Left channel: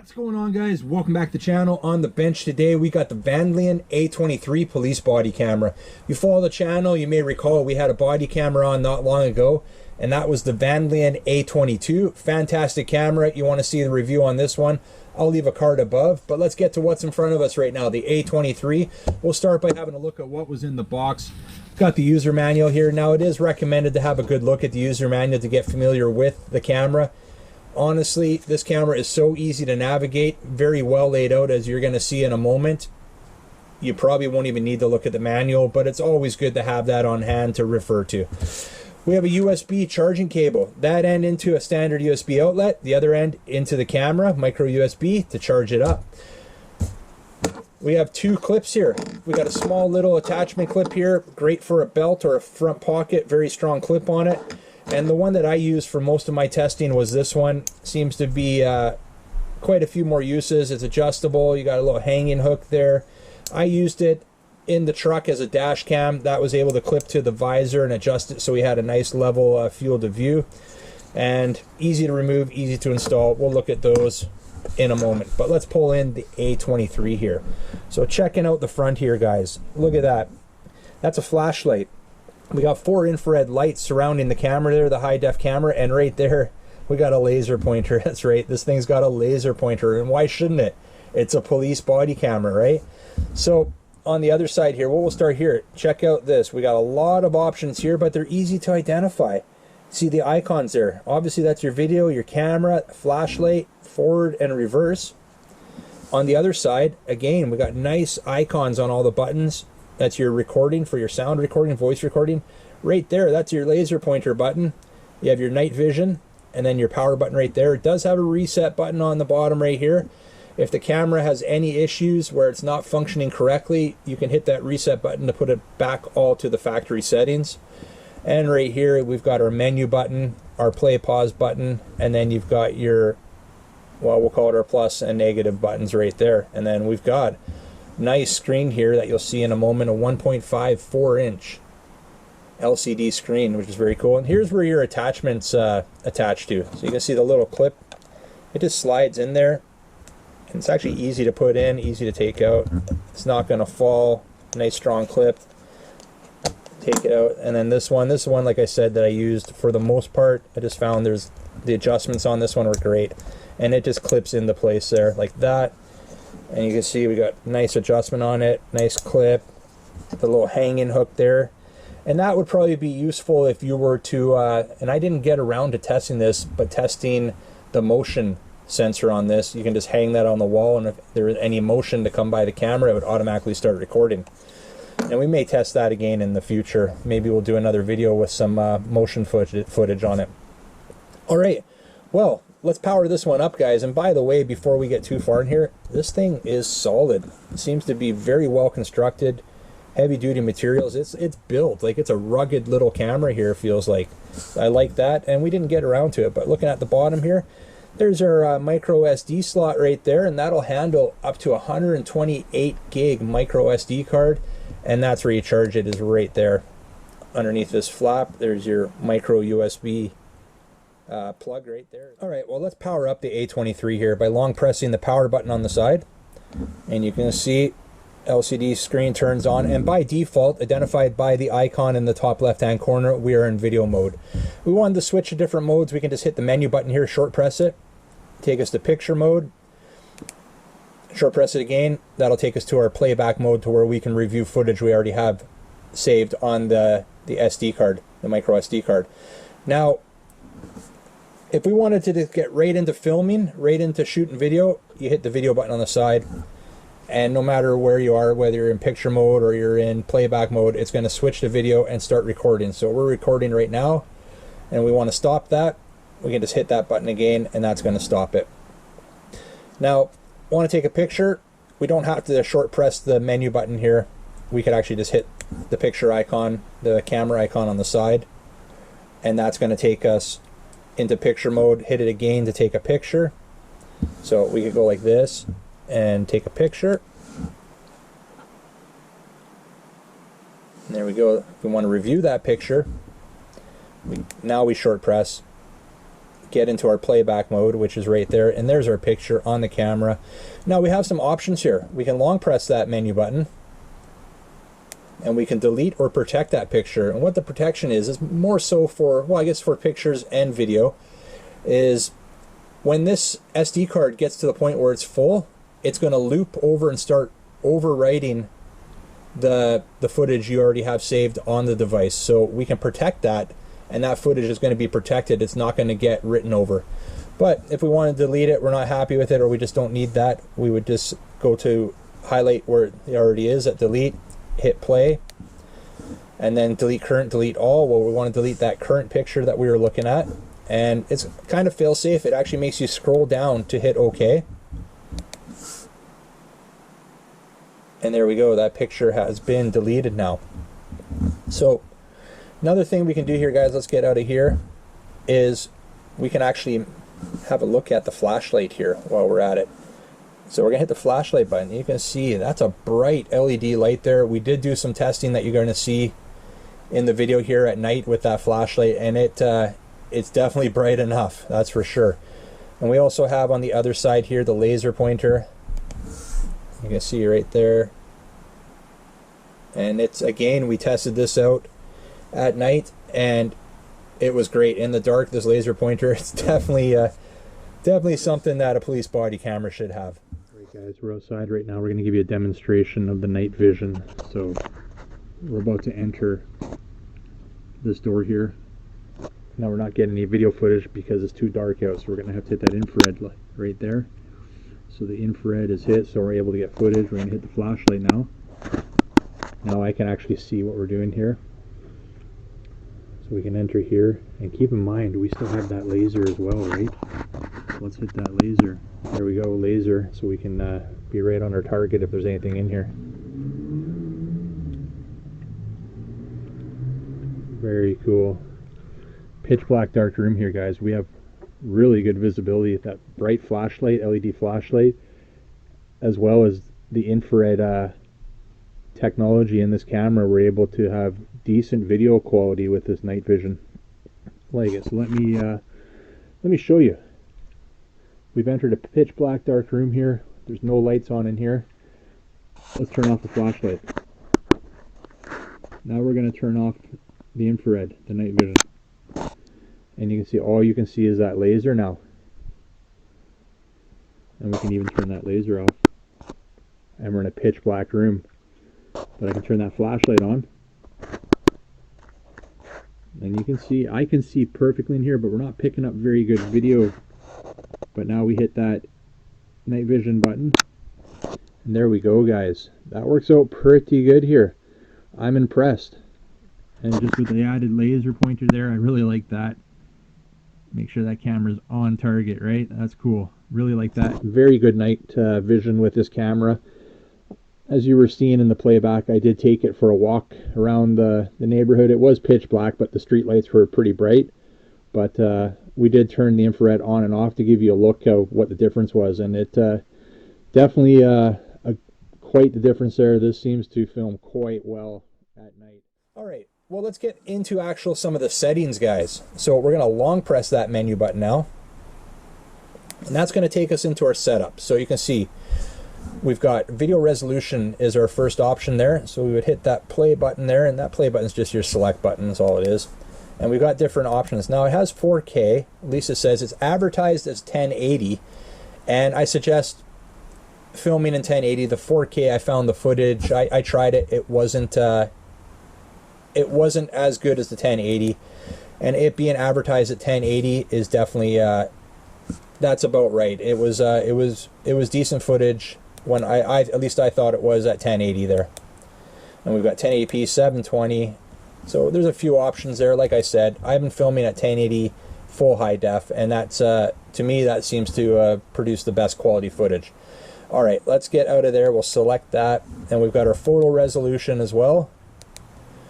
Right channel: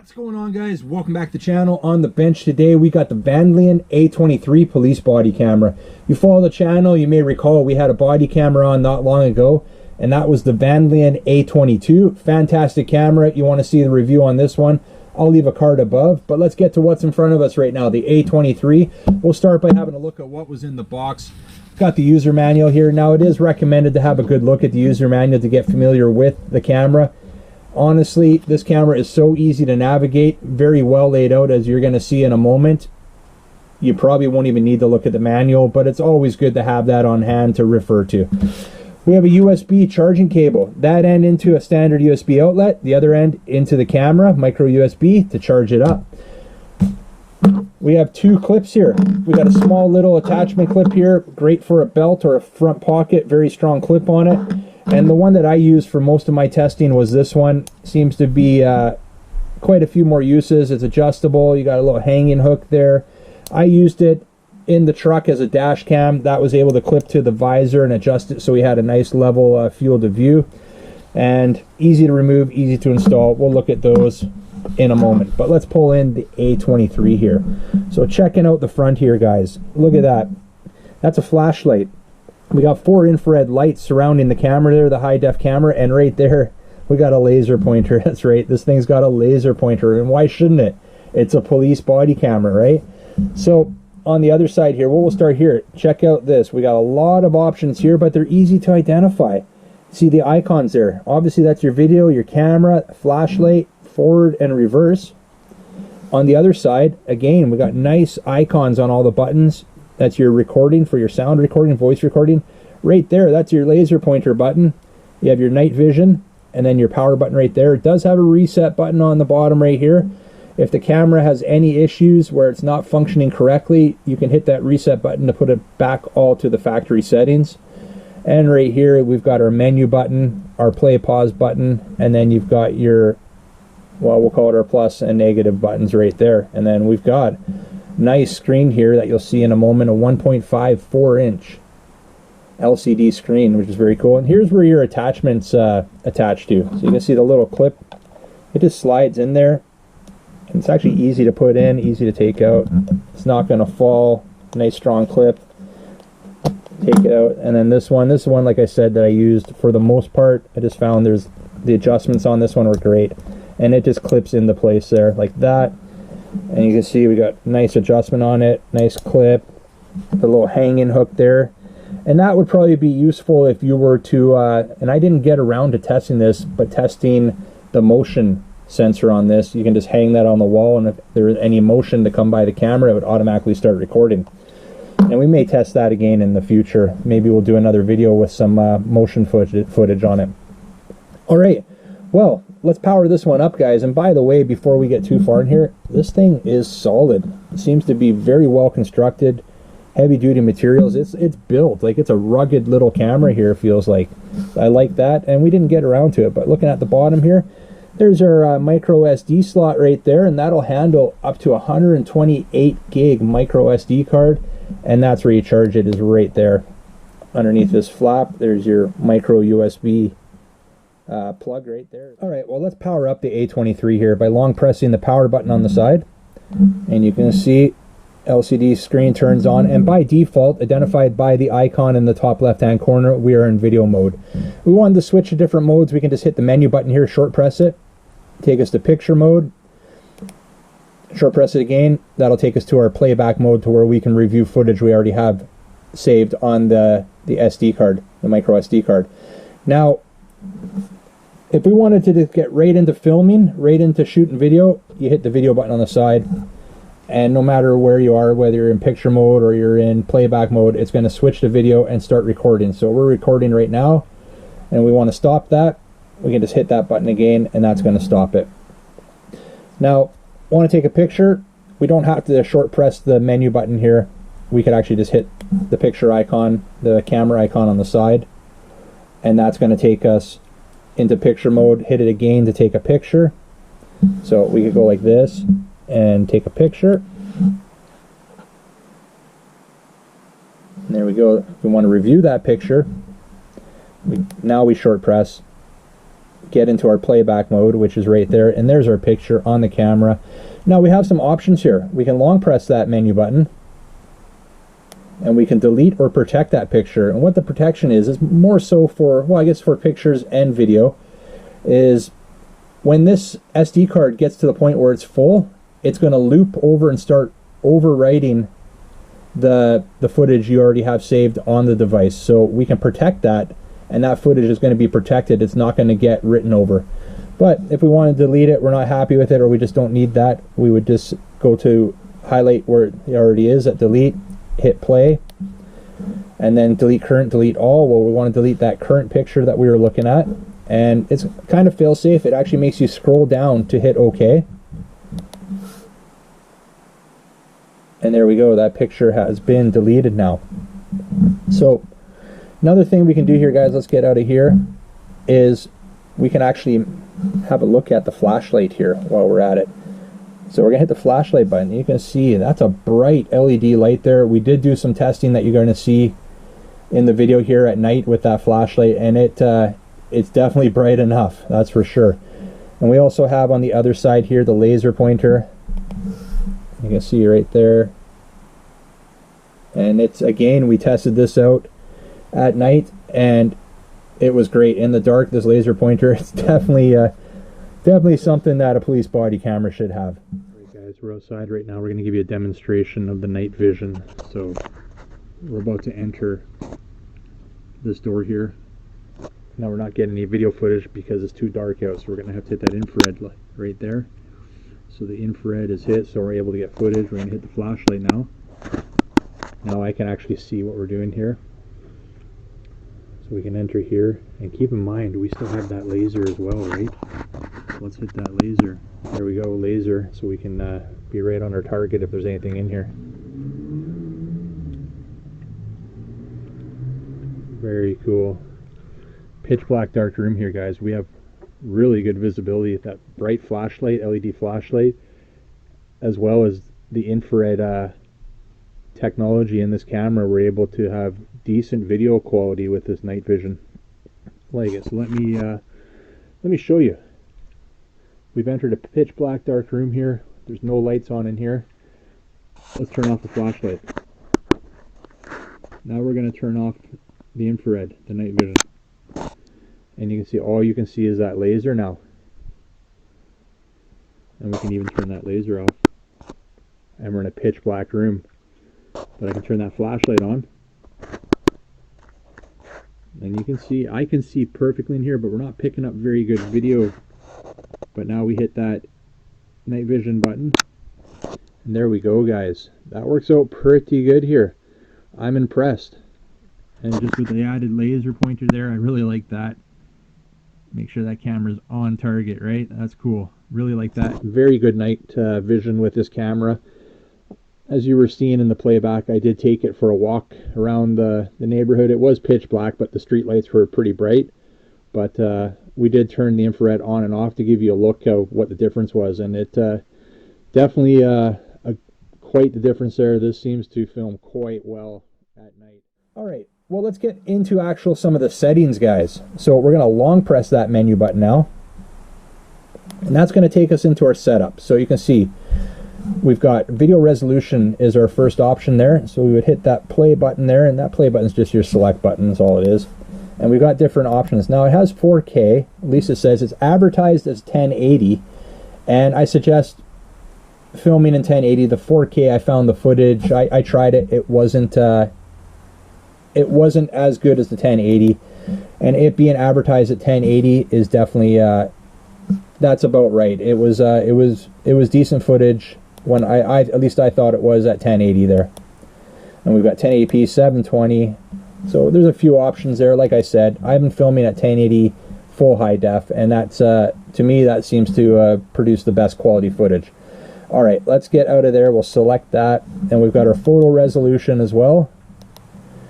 What's going on, guys? Welcome back to the channel. On the bench today we got the Vandlion A23 police body camera. You follow the channel, you may recall we had a body camera on not long ago, and that was the Vandlion A22. Fantastic camera. You want to see the review on this one, I'll leave a card above, but let's get to what's in front of us right now, the A23. We'll start by having a look at what was in the box. Got the user manual here. Now it is recommended to have a good look at the user manual to get familiar with the camera. Honestly, this camera is so easy to navigate, very well laid out, as you're going to see in a moment. You probably won't even need to look at the manual, but it's always good to have that on hand to refer to. We have a USB charging cable, that end into a standard USB outlet, the other end into the camera, micro USB to charge it up. We have two clips here. We got a small little attachment clip here, great for a belt or a front pocket, very strong clip on it. And the one that I used for most of my testing was this one. Seems to be quite a few more uses. It's adjustable. You got a little hanging hook there. I used it in the truck as a dash cam. That was able to clip to the visor and adjust it so we had a nice level field of view. And easy to remove, easy to install. We'll look at those in a moment. But let's pull in the A23 here. So checking out the front here, guys. Look at that. That's a flashlight. We got 4 infrared lights surrounding the camera there, the high def camera, and right there we got a laser pointer. That's right, this thing's got a laser pointer, and why shouldn't it? It's a police body camera, right? So on the other side here, we'll start here. Check out this. We got a lot of options here, but they're easy to identify. See the icons there. Obviously that's your video, your camera, flashlight, forward and reverse. On the other side, again, we got nice icons on all the buttons. That's your recording for your sound recording, voice recording. Right there, that's your laser pointer button. You have your night vision, and then your power button right there. It does have a reset button on the bottom right here. If the camera has any issues where it's not functioning correctly, you can hit that reset button to put it back all to the factory settings. And right here, we've got our menu button, our play pause button, and then you've got your, well, we'll call it our plus and negative buttons right there. And then we've got nice screen here that you'll see in a moment, a 1.54 inch LCD screen, which is very cool. And here's where your attachments attach to. So you can see the little clip. It just slides in there, and it's actually easy to put in, easy to take out. It's not going to fall. Nice strong clip. Take it out. And then this one, like I said, that I used for the most part. I just found there's the adjustments on this one were great, and it just clips into place there like that. And you can see we got nice adjustment on it, nice clip, the little hanging hook there. And that would probably be useful if you were to, and I didn't get around to testing this, but testing the motion sensor on this. You can just hang that on the wall, and if there is any motion to come by the camera, it would automatically start recording. And we may test that again in the future. Maybe we'll do another video with some motion footage on it. All right, well, let's power this one up, guys. And by the way, before we get too far in here, this thing is solid. It seems to be very well constructed, heavy duty materials. It's built like it's a rugged little camera here, feels like. I like that, and we didn't get around to it, but looking at the bottom here, there's our micro SD slot right there, and that'll handle up to 128 gig micro SD card, and that's where you charge it, is right there underneath this flap. There's your micro USB plug right there. All right, well, let's power up the A23 here by long pressing the power button on the side, and you can see LCD screen turns on, and by default, identified by the icon in the top left hand corner, we are in video mode. We wanted to switch to different modes. We can just hit the menu button here, short press it, take us to picture mode, short press it again, that'll take us to our playback mode, to where we can review footage we already have saved on the SD card, the micro SD card. Now, if we wanted to just get right into filming, right into shooting video, you hit the video button on the side, and no matter where you are, whether you're in picture mode or you're in playback mode, it's going to switch to video and start recording. So we're recording right now, and we want to stop that. We can just hit that button again, and that's going to stop it. Now, want to take a picture? We don't have to short press the menu button here. We could actually just hit the picture icon, the camera icon on the side, and that's going to take us into picture mode. Hit it again to take a picture. So we could go like this and take a picture. And there we go. If we want to review that picture, now we short press get into our playback mode, which is right there, and there's our picture on the camera. Now we have some options here. We can long press that menu button and we can delete or protect that picture. And what the protection is more so for, well, I guess for pictures and video, is when this SD card gets to the point where it's full, it's going to loop over and start overwriting the footage you already have saved on the device. So we can protect that, and that footage is going to be protected. It's not going to get written over. But if we want to delete it, we're not happy with it, or we just don't need that, we would just go to highlight where it already is at delete, hit play, and then delete current, delete all. Well, we want to delete that current picture that we were looking at, and it's kind of fail safe. It actually makes you scroll down to hit OK. And there we go, that picture has been deleted now. So another thing we can do here, guys, let's get out of here, is we can actually have a look at the flashlight here while we're at it. So we're gonna hit the flashlight button. You can see that's a bright LED light there. We did do some testing that you're gonna see in the video here at night with that flashlight, and it's definitely bright enough, that's for sure. And we also have on the other side here the laser pointer. You can see right there. And it's, again, we tested this out at night and it was great. In the dark, this laser pointer, it's definitely something that a police body camera should have. All right, guys, we're outside right now. We're going to give you a demonstration of the night vision. So we're about to enter this door here. Now we're not getting any video footage because it's too dark out, so we're going to have to hit that infrared light right there. So the infrared is hit, so we're able to get footage. We're going to hit the flashlight now. Now I can actually see what we're doing here. So we can enter here, and keep in mind we still have that laser as well, right? Let's hit that laser. There we go, laser, so we can be right on our target if there's anything in here. Very cool. Pitch black dark room here, guys. We have really good visibility at that bright flashlight, LED flashlight, as well as the infrared technology in this camera. We're able to have decent video quality with this night vision. Like it. So let me show you. We've entered a pitch black dark room here. There's no lights on in here. Let's turn off the flashlight. Now we're going to turn off the infrared, the night vision. And you can see, all you can see is that laser now. And we can even turn that laser off. And we're in a pitch black room. But I can turn that flashlight on. And you can see, I can see perfectly in here, but we're not picking up very good video. But now we hit that night vision button. And there we go, guys. That works out pretty good here. I'm impressed. And just with the added laser pointer there, I really like that. Make sure that camera's on target, right? That's cool. Really like that. Very good night vision with this camera. As you were seeing in the playback, I did take it for a walk around the neighborhood. It was pitch black, but the street lights were pretty bright. But we did turn the infrared on and off to give you a look of what the difference was. And it definitely quite the difference there. This seems to film quite well at night. All right. Well, let's get into some of the settings, guys. So we're going to long press that menu button now. And that's going to take us into our setup. So you can see we've got video resolution is our first option there. So we would hit that play button there, and that play button is just your select button, that's all it is. And we've got different options. Now it has 4K. Lisa says it's advertised as 1080. And I suggest filming in 1080. The 4K, I found the footage. I tried it. It wasn't as good as the 1080, and it being advertised at 1080 is definitely that's about right. It was decent footage when I at least I thought it was at 1080 there. And we've got 1080p, 720. So there's a few options there. Like I said, I've been filming at 1080 full high def, and that's to me that seems to produce the best quality footage. All right, let's get out of there. We'll select that, and we've got our photo resolution as well.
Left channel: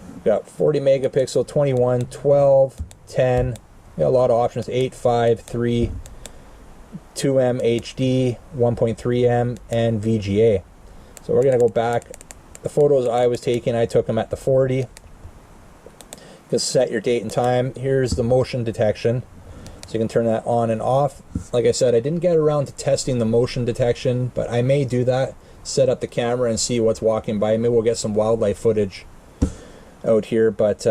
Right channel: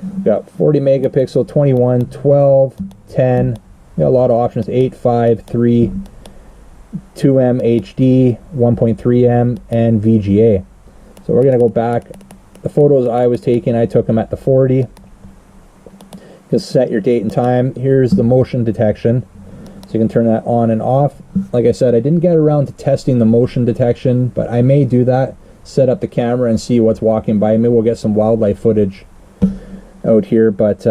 We've got 40 megapixel, 21, 12, 10. We got a lot of options: 8, 5, 3, 2M HD, 1.3M, and VGA. So we're gonna go back. The photos I was taking, I took them at the 40. You can set your date and time. Here's the motion detection. So you can turn that on and off. Like I said, I didn't get around to testing the motion detection, but I may do that. Set up the camera and see what's walking by. Maybe we'll get some wildlife footage out here, but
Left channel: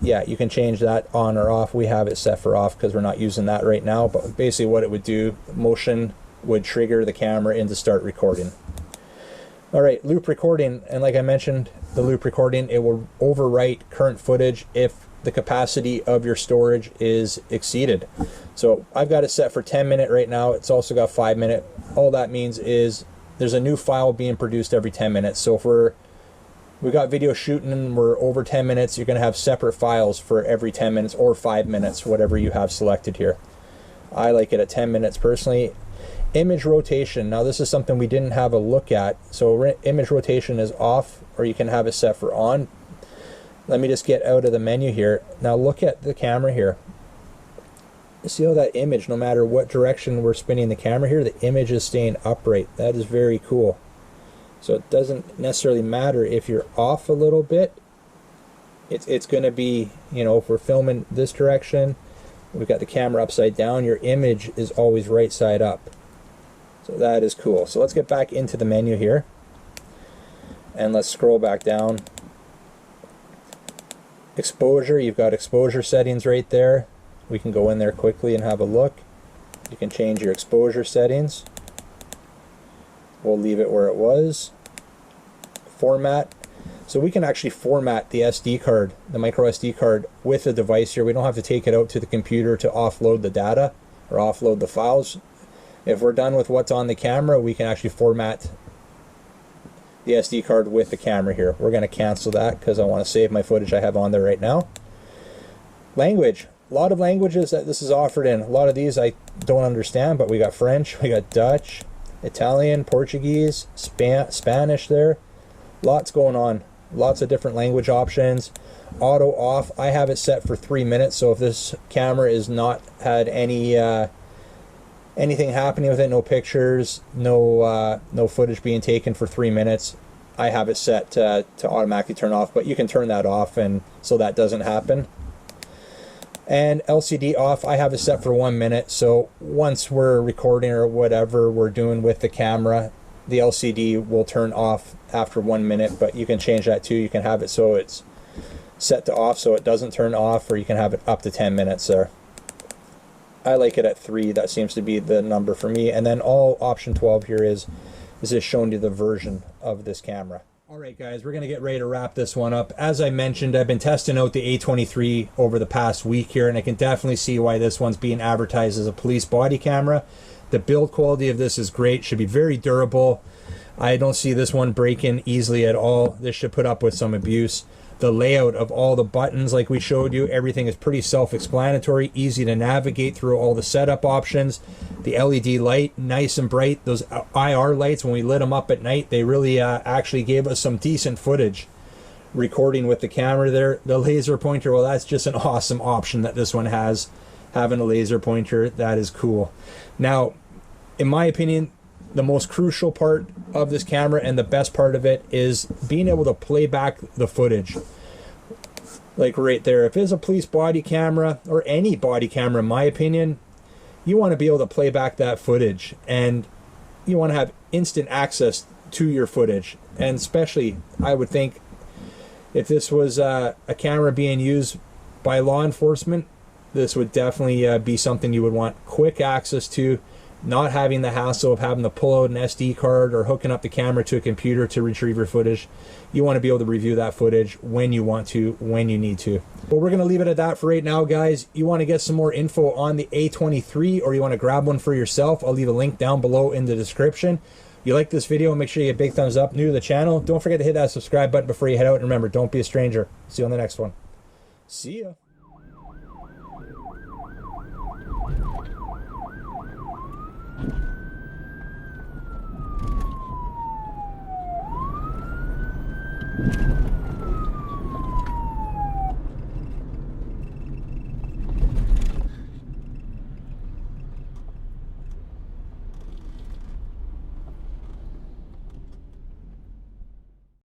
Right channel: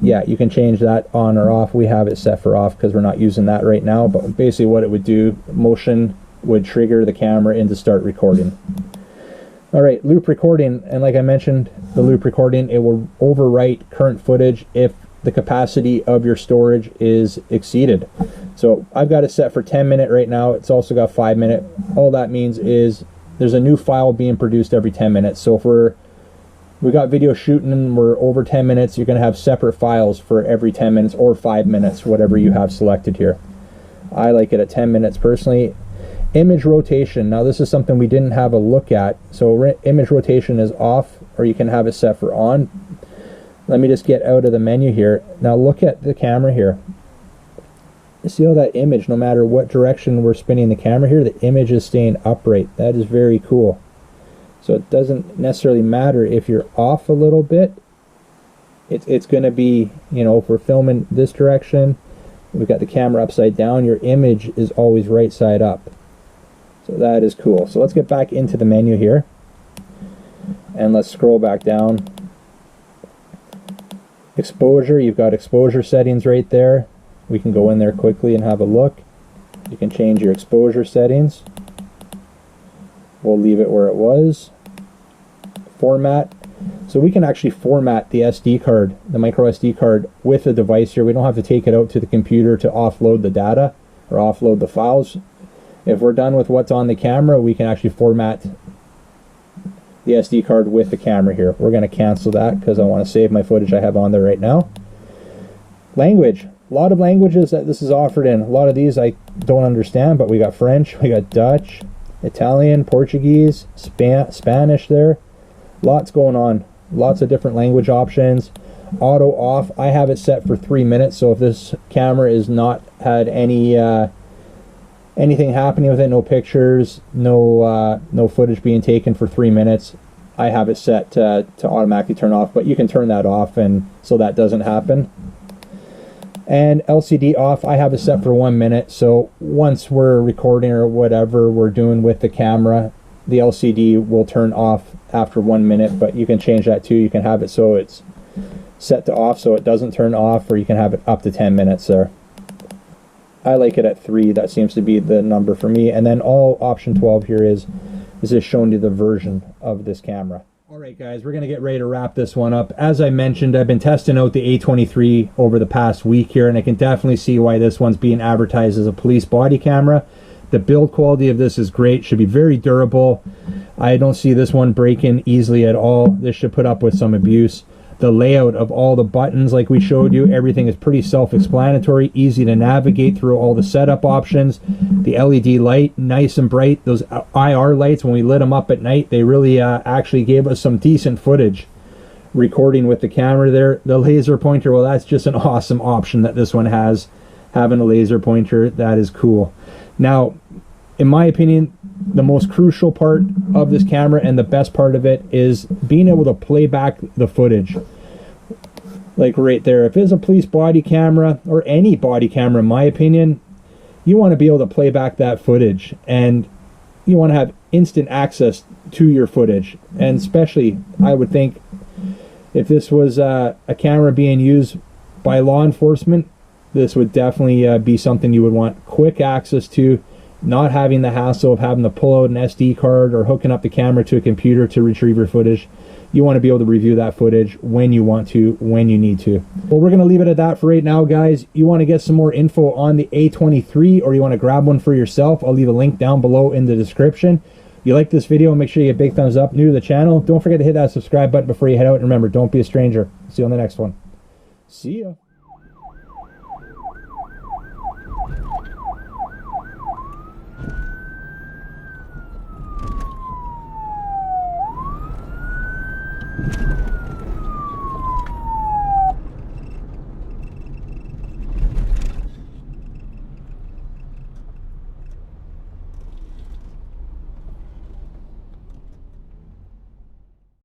yeah, you can change that on or off. We have it set for off because we're not using that right now, but basically what it would do, motion would trigger the camera into start recording. All right, loop recording, and like I mentioned, the loop recording, it will overwrite current footage if the capacity of your storage is exceeded. So I've got it set for 10-minute right now. It's also got 5-minute. All that means is there's a new file being produced every 10 minutes. So if we got video shooting and we're over 10 minutes, you're gonna have separate files for every 10 minutes or 5 minutes, whatever you have selected here. I like it at 10 minutes personally. Image rotation. Now this is something we didn't have a look at. So image rotation is off, or you can have it set for on. Let me just get out of the menu here. Now look at the camera here. See how that image, no matter what direction we're spinning the camera here, the image is staying upright. That is very cool. So it doesn't necessarily matter if you're off a little bit. It's going to be, you know, if we're filming this direction, we've got the camera upside down, your image is always right side up. So that is cool. So let's get back into the menu here. And let's scroll back down. Exposure, you've got exposure settings right there. We can go in there quickly and have a look. You can change your exposure settings. We'll leave it where it was. Format. So we can actually format the SD card, the micro SD card, with the device here. We don't have to take it out to the computer to offload the data or offload the files. If we're done with what's on the camera, we can actually format the SD card with the camera here. We're going to cancel that because I want to save my footage I have on there right now. Language. A lot of languages that this is offered in. A lot of these I don't understand, but we got French, we got Dutch, Italian, Portuguese, Spanish there. Lots going on. Lots of different language options. Auto off. I have it set for 3 minutes, so if this camera is not had any anything happening with it, no pictures, no footage being taken for 3 minutes, I have it set to automatically turn off, but you can turn that off and so that doesn't happen. And LCD off, I have it set for 1 minute, so once we're recording or whatever we're doing with the camera, the LCD will turn off after 1 minute, but you can change that too. You can have it so it's set to off so it doesn't turn off, or you can have it up to 10 minutes there. I like it at 3. That seems to be the number for me. And then all option 12 here is just showing you the version of this camera. All right, guys, we're going to get ready to wrap this one up. As I mentioned, I've been testing out the A23 over the past week here, and I can definitely see why this one's being advertised as a police body camera. The build quality of this is great, should be very durable. I don't see this one breaking easily at all. This should put up with some abuse. The layout of all the buttons, like we showed you, everything is pretty self-explanatory, easy to navigate through all the setup options. The LED light, nice and bright. Those IR lights, when we lit them up at night, they really actually gave us some decent footage recording with the camera there. The laser pointer, well, that's just an awesome option that this one has. Having a laser pointer, that is cool. Now, in my opinion, the most crucial part of this camera and the best part of it is being able to play back the footage. Like right there, if it's a police body camera or any body camera, in my opinion, you want to be able to play back that footage, and you want to have instant access to your footage. And especially, I would think, if this was a camera being used by law enforcement, this would definitely be something you would want quick access to. Not having the hassle of having to pull out an SD card or hooking up the camera to a computer to retrieve your footage. You want to be able to review that footage when you want to, when you need to. Well, we're going to leave it at that for right now, guys. You want to get some more info on the A23, or you want to grab one for yourself, I'll leave a link down below in the description. If you like this video, make sure you get a big thumbs up. New to the channel, don't forget to hit that subscribe button before you head out. And remember, don't be a stranger. See you on the next one. See ya.